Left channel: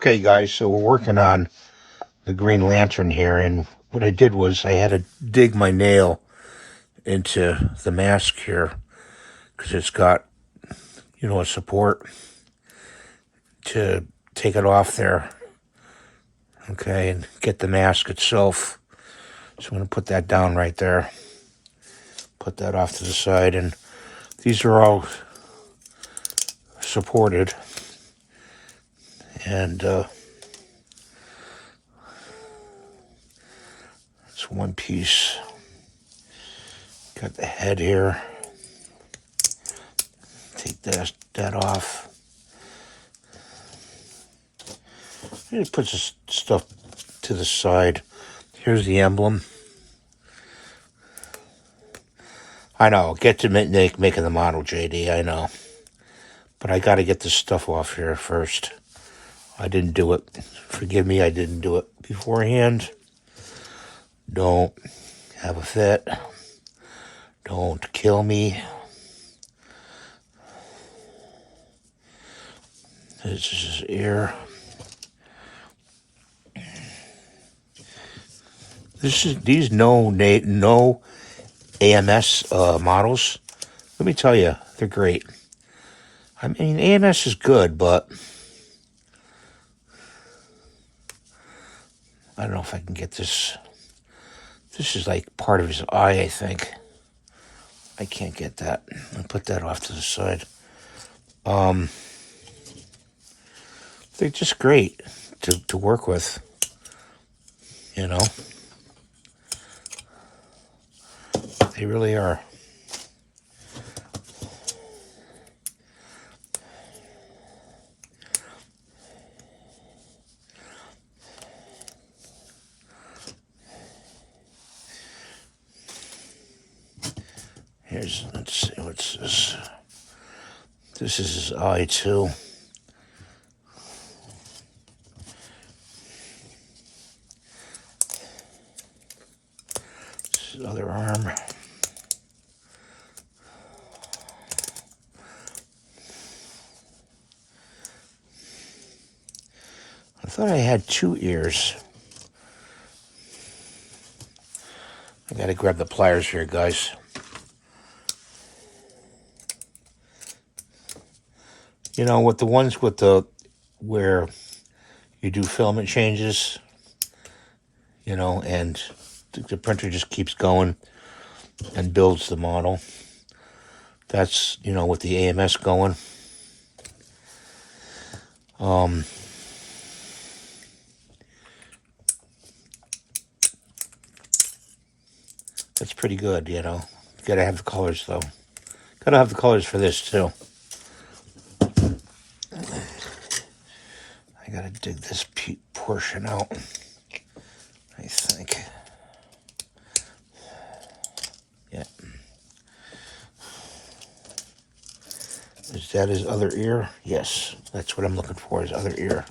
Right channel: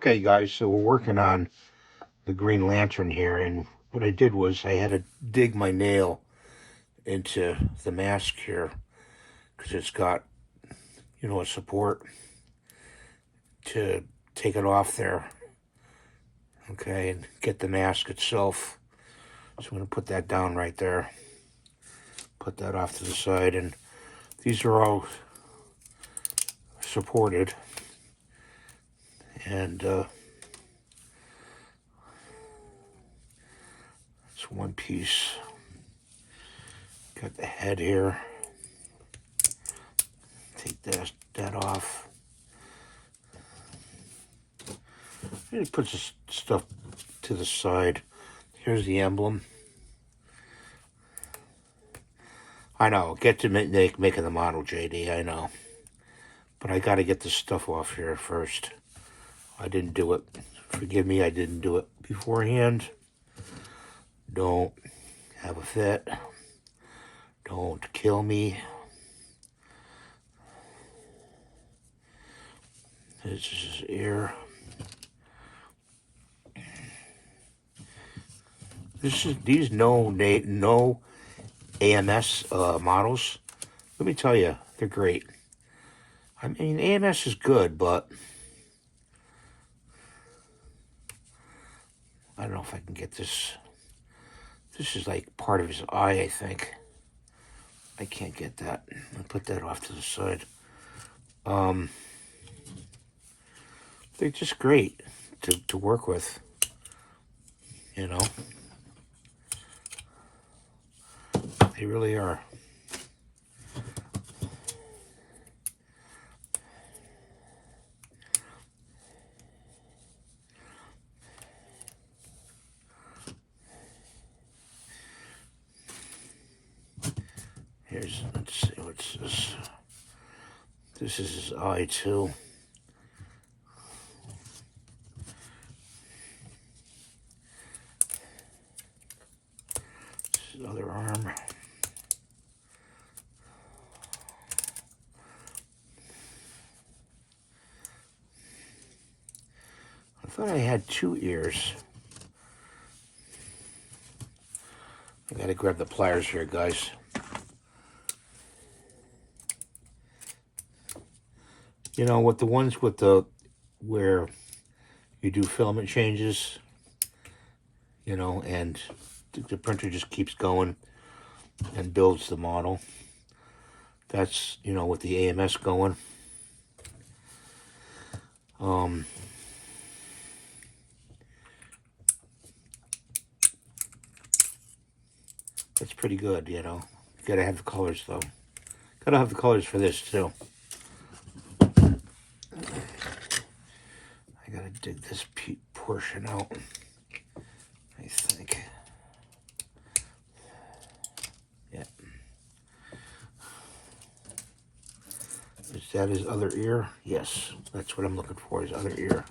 Okay, guys, so we're working on the Green Lantern here, and what I did was I had to dig my nail into the mask here because it's got, a support to take it off there, okay, and get the mask itself. So I'm going to put that down right there, put that off to the side, and these are all supported, and it's one piece. Got the head here. Take that off. It puts this stuff to the side. Here's the emblem. I know, get to making the model, JD, I know. But I got to get this stuff off here first. I didn't do it. Forgive me, I didn't do it beforehand. Don't have a fit. Don't kill me. This is his ear. These no AMS models. Let me tell you, they're great. I mean, AMS is good, but I don't know if I can get this. This is like part of his eye, I think. I can't get that. I'll put that off to the side. They're just great to work with, you know. They really are. Let's see, what's this? This is his eye, too. This is his other arm. I thought I had 2 ears. I gotta grab the pliers here, guys. You know, with the ones where you do filament changes, and the printer just keeps going and builds the model. That's, with the AMS going. That's pretty good, Gotta have the colors, though. Gotta have the colors for this, too. I gotta dig this portion out, I think. Yeah. Is that his other ear? Yes, that's what I'm looking for, his other ear.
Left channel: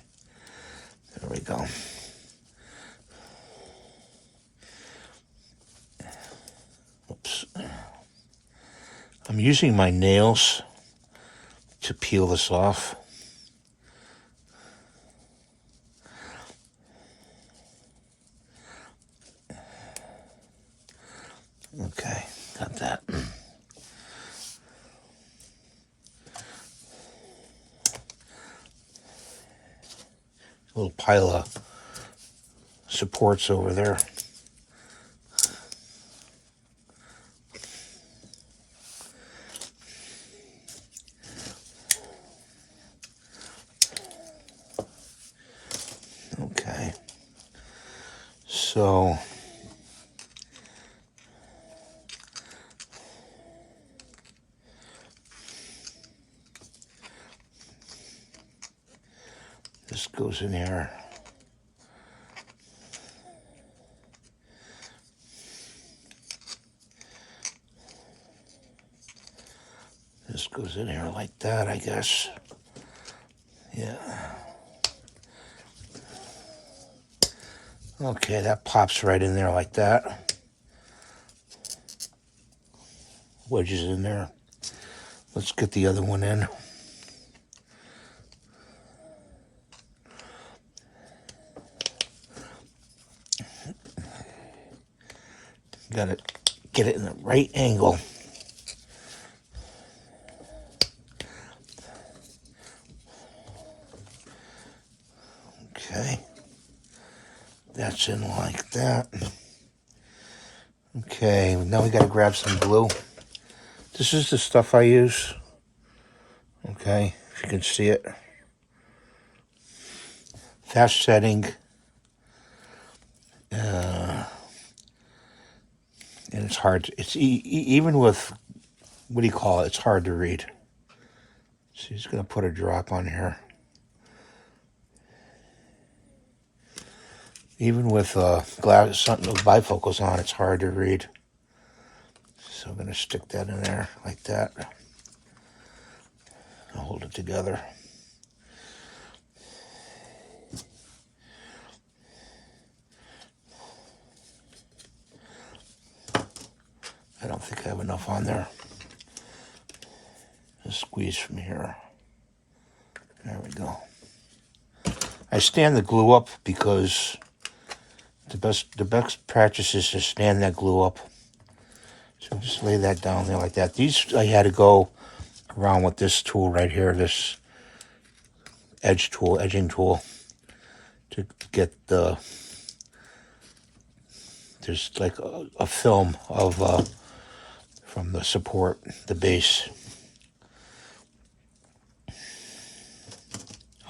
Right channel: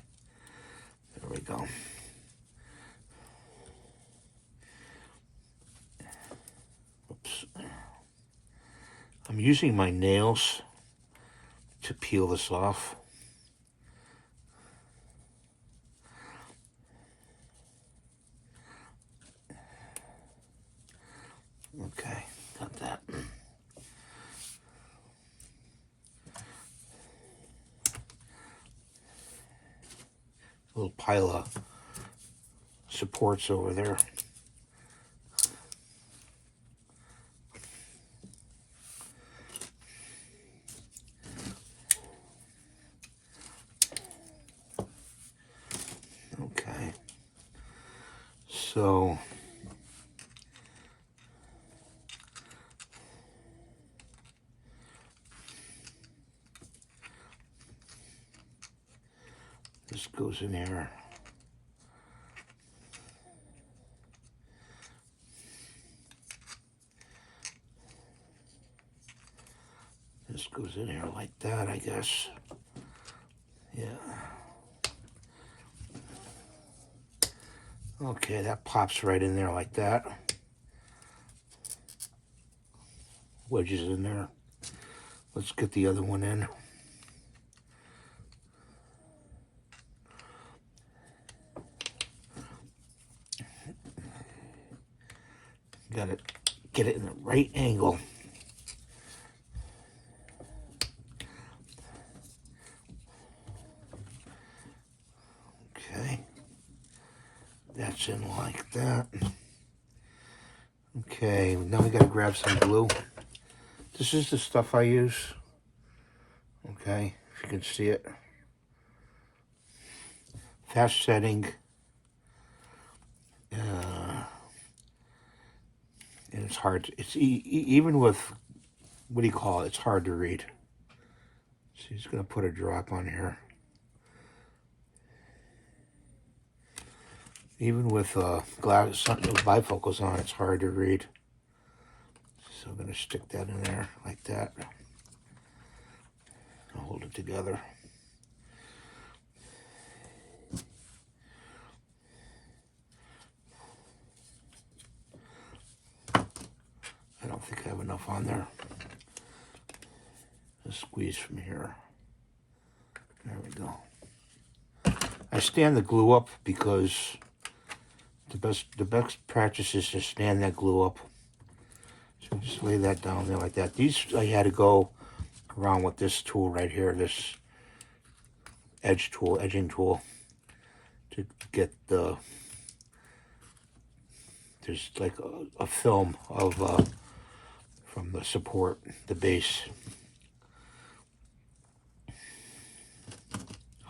There we go. Oops. I'm using my nails to peel this off. Okay, got that. A little pile of supports over there. Okay, so this goes in here. This goes in here like that, I guess. Yeah. Okay, that pops right in there like that. Wedges in there. Let's get the other one in. Gotta get it in the right angle. Okay. That's in like that. Okay, now we gotta grab some glue. This is the stuff I use. Okay, if you can see it. Fast setting. And it's hard. It's even with, what do you call it? It's hard to read. So he's gonna put a drop on here. Even with glass, something with bifocals on, it's hard to read. So I'm gonna stick that in there like that. I'll hold it together. I don't think I have enough on there. Just squeeze from here. There we go. I stand the glue up because the best practice is to stand that glue up. So just lay that down there like that. These I had to go around with this tool right here, this edging tool, to get the, there's like a film of from the support, the base.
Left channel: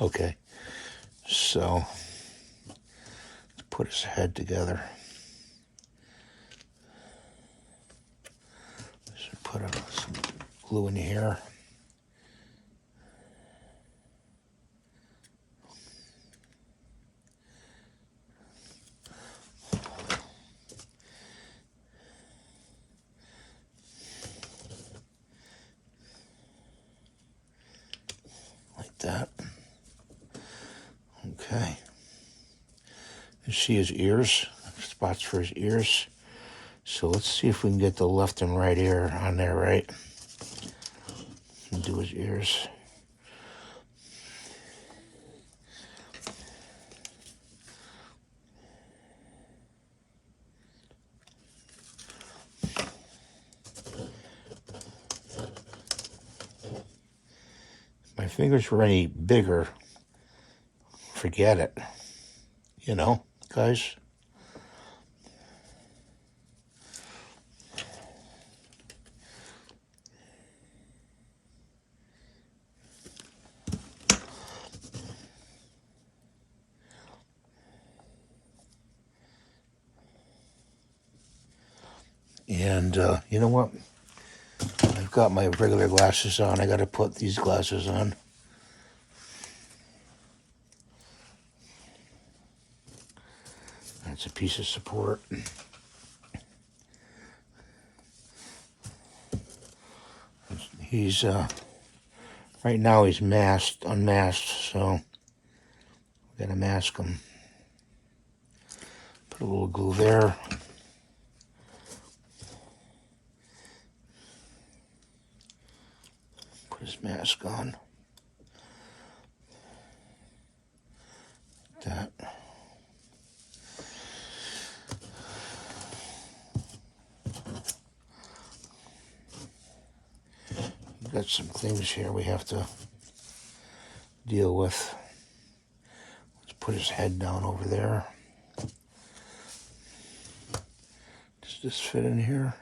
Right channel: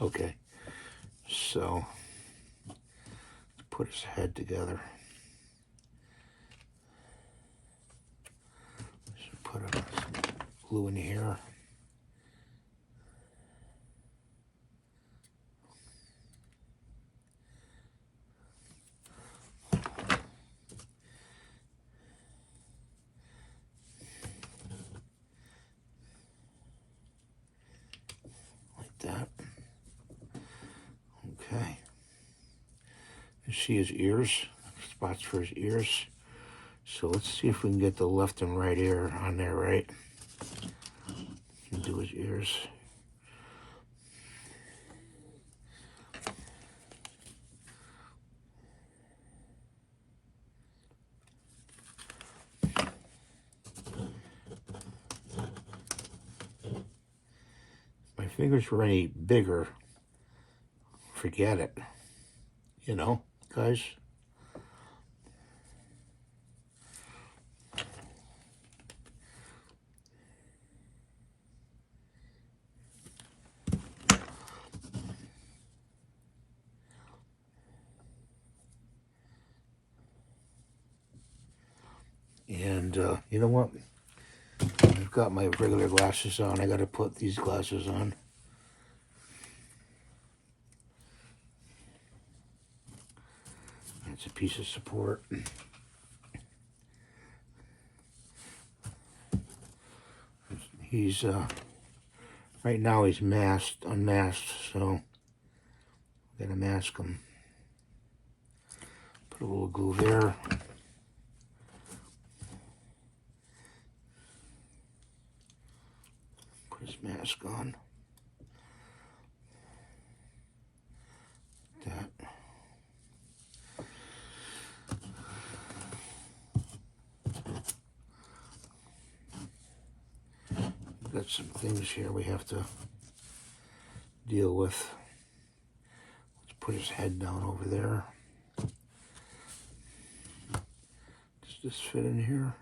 Okay, so let's put his head together. So put some glue in here. That. Okay. You see his ears, spots for his ears. So let's see if we can get the left and right ear on there, right? And do his ears. If my fingers were any bigger, forget it. You know, guys. And you know what? I've got my regular glasses on. I got to put these glasses on. That's a piece of support. He's right now he's unmasked, so we gotta mask him. Put a little glue there. Put his mask on. That. We've got some things here we have to deal with. Let's put his head down over there. Does this fit in here?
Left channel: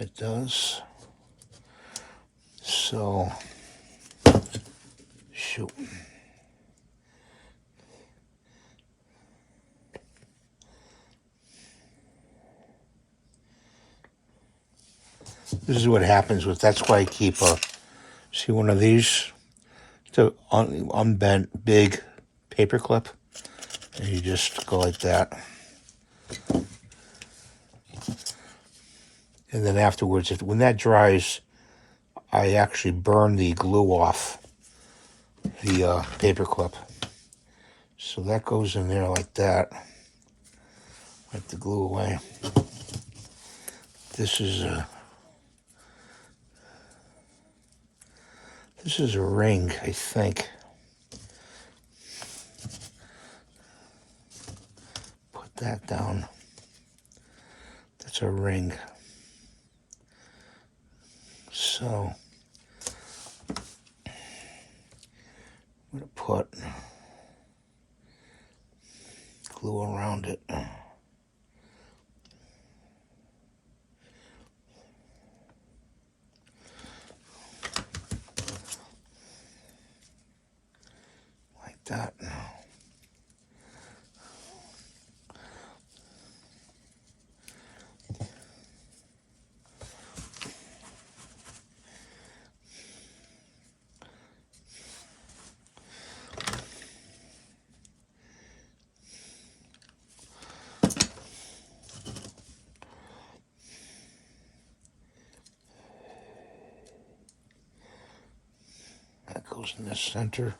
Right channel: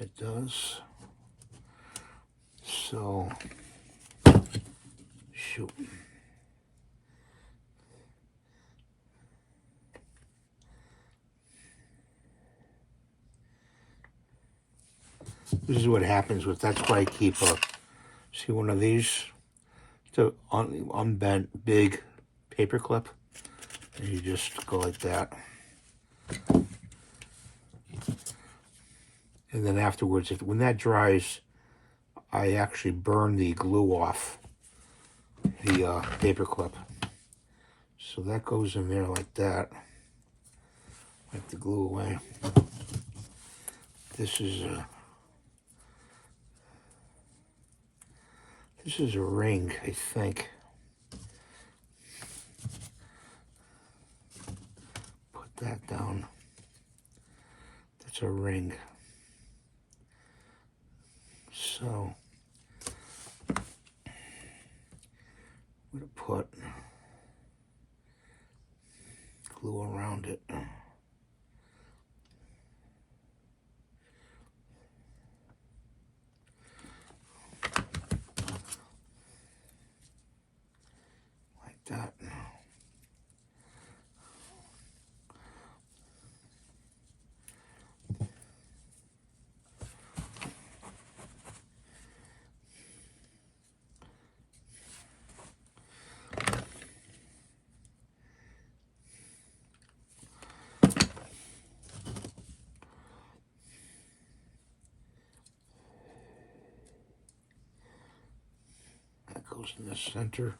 It does. So, shoot. This is what happens with, that's why I keep see one of these? It's an unbent, big paper clip. And you just go like that. And then afterwards, when that dries, I actually burn the glue off the paper clip. So that goes in there like that. Wipe the glue away. This is a ring, I think. Put that down. That's a ring. So I'm going to put glue around it. Like that. That goes in the center.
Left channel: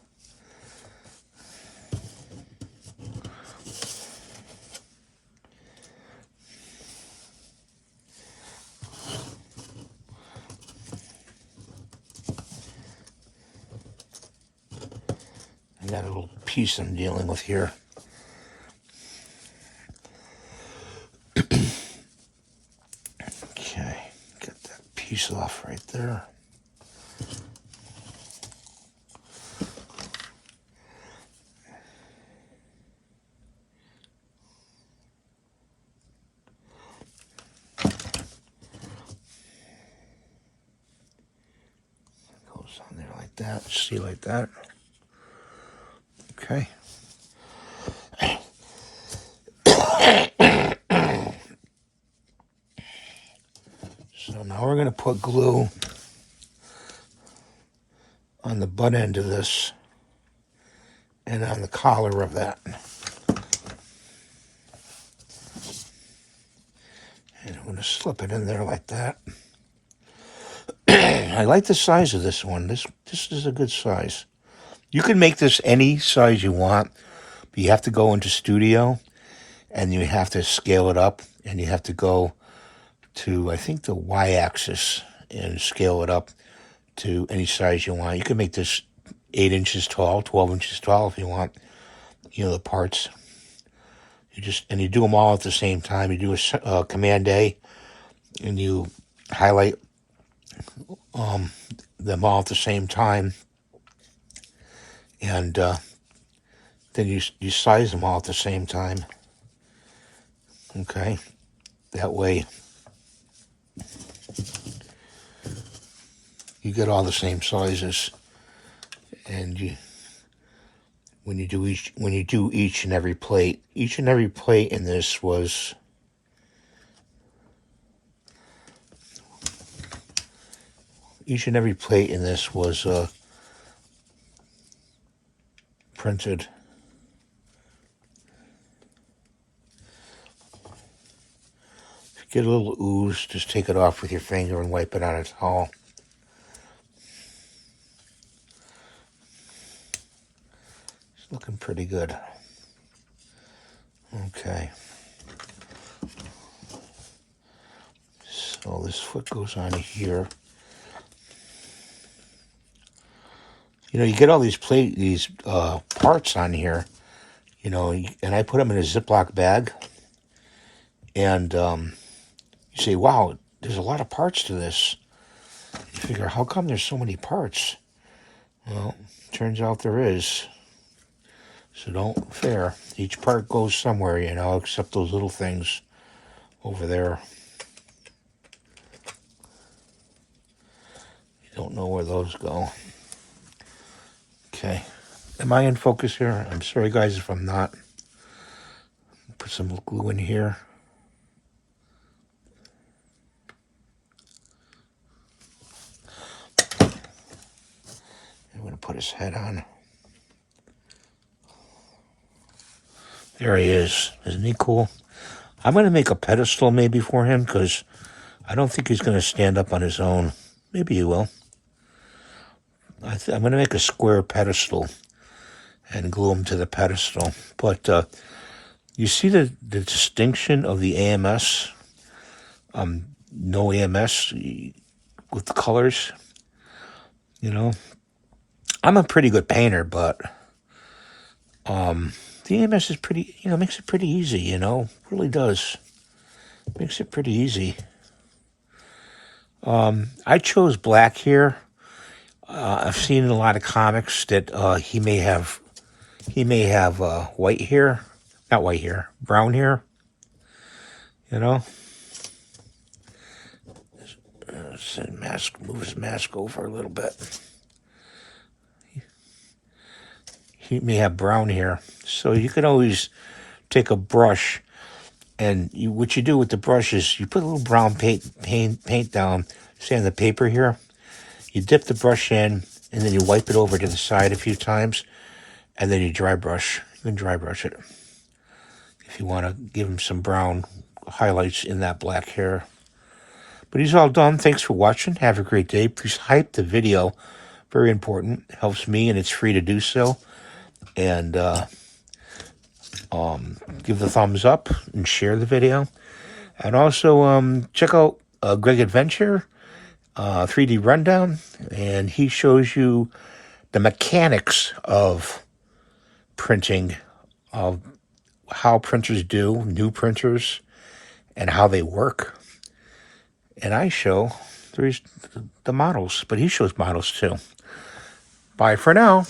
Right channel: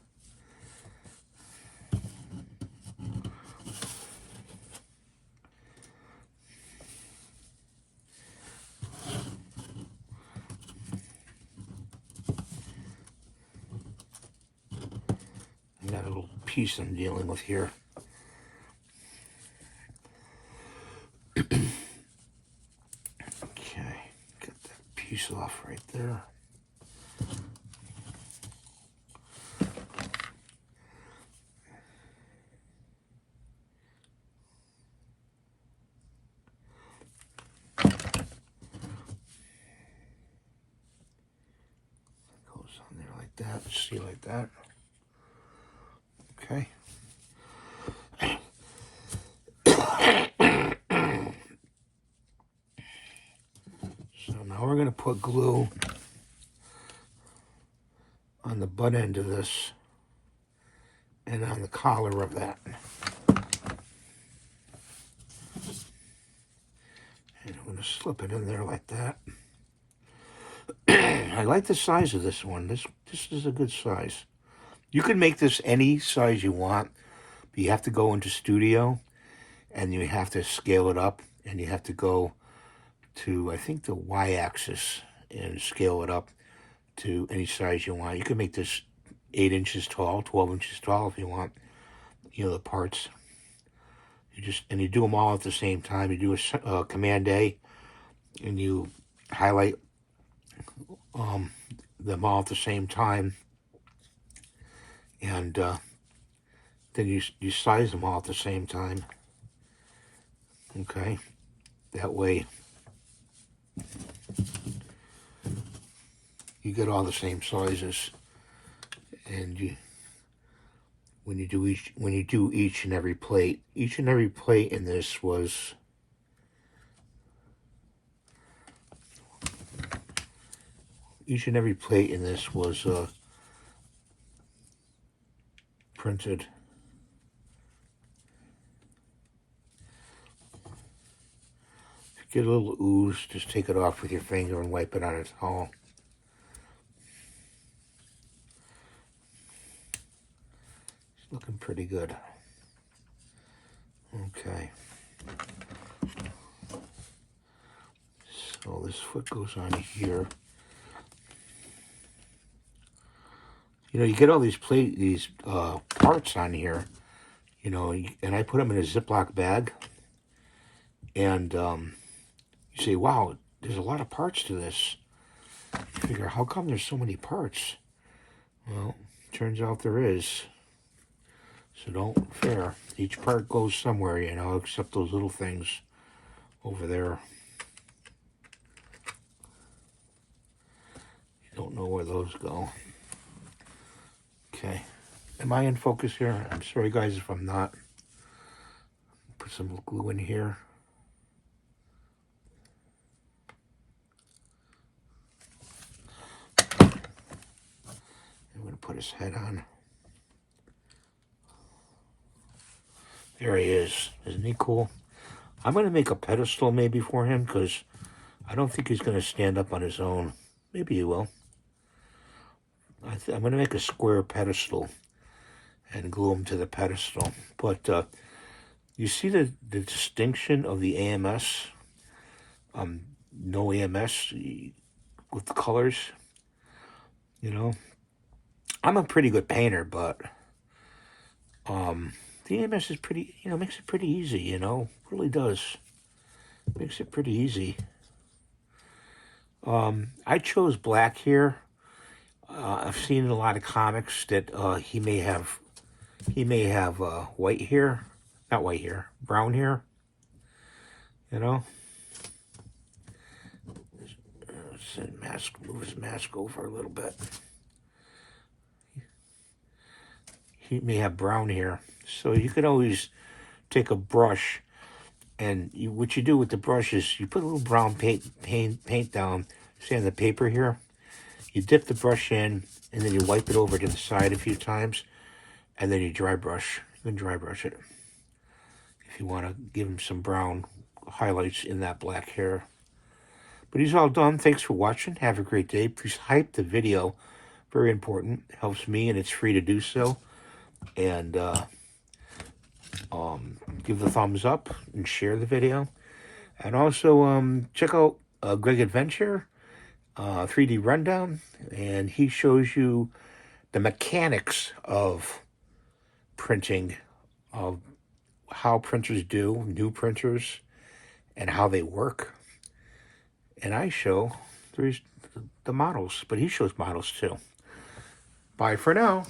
And that little piece I'm dealing with here. Okay, get that piece off right there. Goes on there like that. See, like that. Okay. So now we're going to put glue on the butt end of this and on the collar of that. And I'm going to slip it in there like that. I like the size of this one. This is a good size. You can make this any size you want, but you have to go into Studio and you have to scale it up, and you have to go to, I think, the Y-axis and scale it up to any size you want. You can make this 8 inches tall, 12 inches tall if you want, you know, the parts. You do them all at the same time. You do a Command A, and you highlight them all at the same time, and then you size them all at the same time. Okay, that way you get all the same sizes, and when you do each and every plate in this was printed. If you get a little ooze, just take it off with your finger and wipe it on a towel. It's looking pretty good. Okay. So this foot goes on here. You know, you get all these parts on here, you know, and I put them in a Ziploc bag, and you say, wow, there's a lot of parts to this. You figure, how come there's so many parts? Well, turns out there is. So don't fear. Each part goes somewhere, you know, except those little things over there. You don't know where those go. Okay. Am I in focus here? I'm sorry, guys, if I'm not. Put some glue in here. I'm going to put his head on. There he is. Isn't he cool? I'm going to make a pedestal maybe for him, because I don't think he's going to stand up on his own. Maybe he will. I'm going to make a square pedestal and glue him to the pedestal. But you see the distinction of the AMS? No AMS with the colors? You know? I'm a pretty good painter, but The EMS is pretty, makes it pretty easy, really does. Makes it pretty easy. I chose black here. I've seen in a lot of comics that he may have white hair, not white hair, brown hair. Move his mask over a little bit. He may have brown hair, so you can always take a brush, and what you do with the brush is you put a little brown paint down, say on the paper here. You dip the brush in, and then you wipe it over to the side a few times, and then you dry brush. You can dry brush it if you want to give him some brown highlights in that black hair. But he's all done. Thanks for watching. Have a great day. Please hype the video. Very important. It helps me, and it's free to do so. And give the thumbs up and share the video. And also check out Greg Adventure 3D Rundown. And he shows you the mechanics of printing, of how printers do, new printers, and how they work. And I show the models, but he shows models too. Bye for now.